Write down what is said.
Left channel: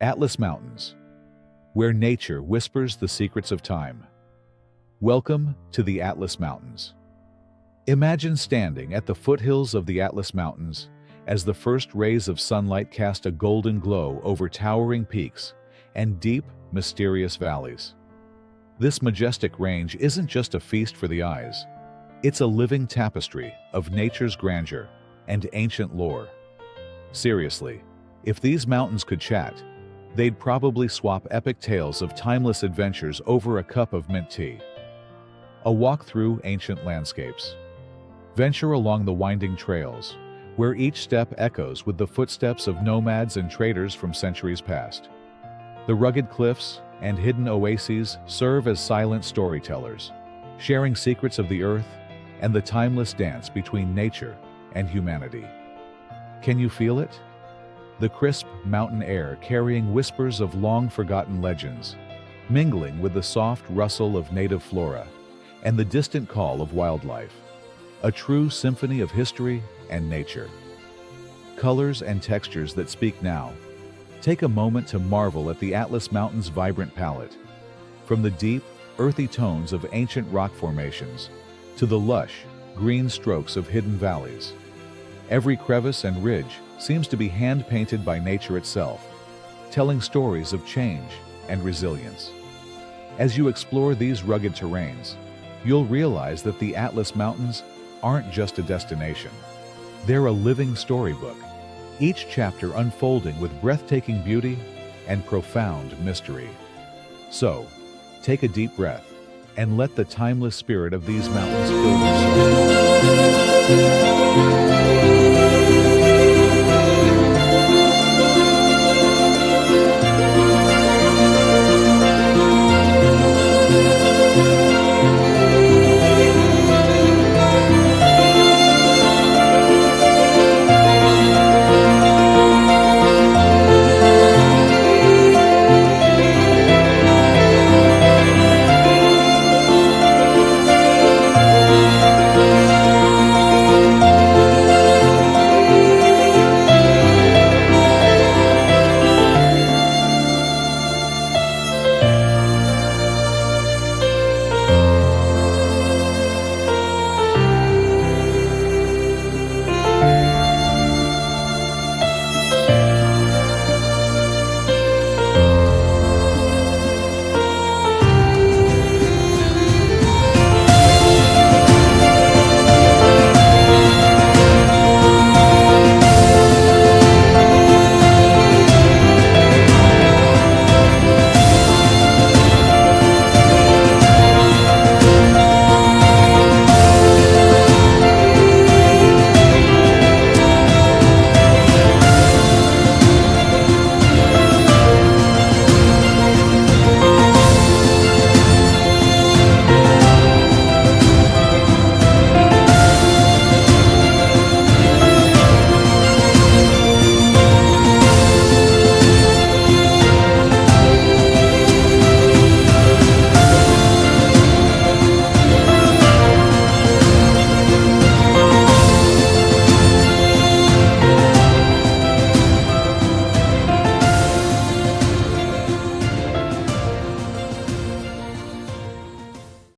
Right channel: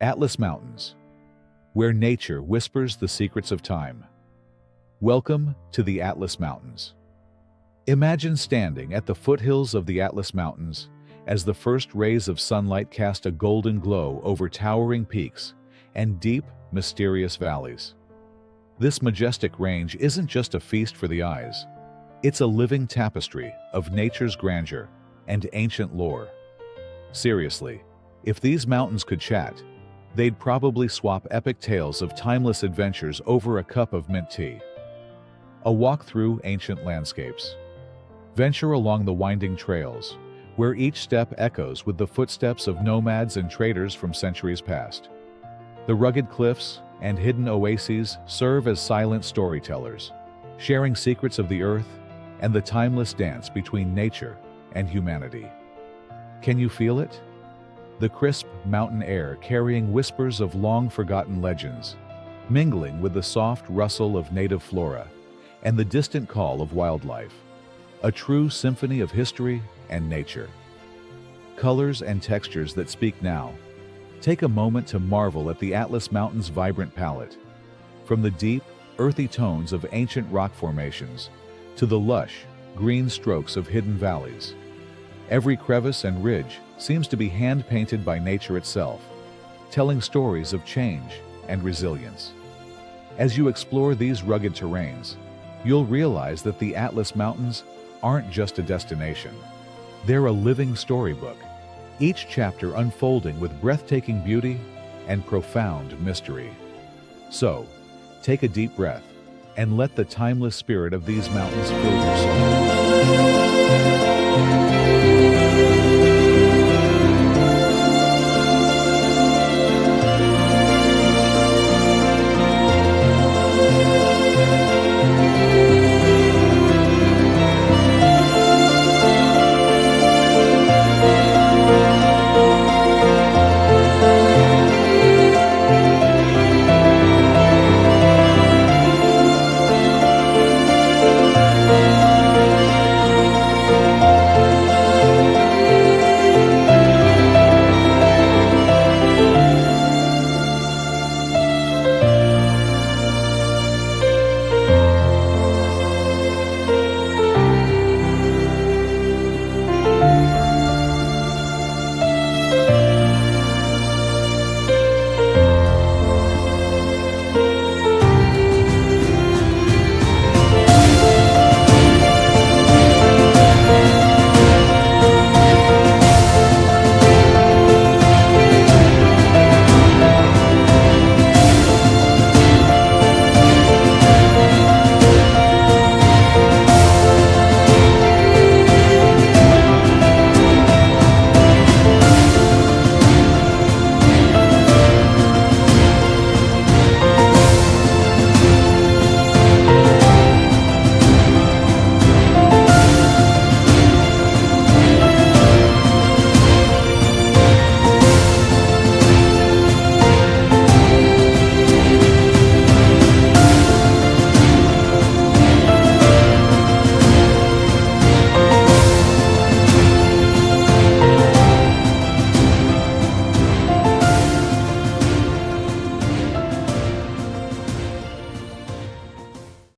Atlas Mountains, where nature whispers the secrets of time. Welcome to the Atlas Mountains. Imagine standing at the foothills of the Atlas Mountains as the first rays of sunlight cast a golden glow over towering peaks and deep, mysterious valleys. This majestic range isn't just a feast for the eyes. It's a living tapestry of nature's grandeur and ancient lore. Seriously, if these mountains could chat, they'd probably swap epic tales of timeless adventures over a cup of mint tea. A walk through ancient landscapes. Venture along the winding trails, where each step echoes with the footsteps of nomads and traders from centuries past. The rugged cliffs and hidden oases serve as silent storytellers, sharing secrets of the earth and the timeless dance between nature and humanity. Can you feel it? The crisp mountain air carrying whispers of long-forgotten legends, mingling with the soft rustle of native flora and the distant call of wildlife. A true symphony of history and nature. Colors and textures that speak now. Take a moment to marvel at the Atlas Mountains' vibrant palette. From the deep, earthy tones of ancient rock formations to the lush, green strokes of hidden valleys. Every crevice and ridge seems to be hand-painted by nature itself, telling stories of change and resilience. As you explore these rugged terrains, you'll realize that the Atlas Mountains aren't just a destination. They're a living storybook, each chapter unfolding with breathtaking beauty and profound mystery. So, take a deep breath and let the timeless spirit of these mountains fill your soul.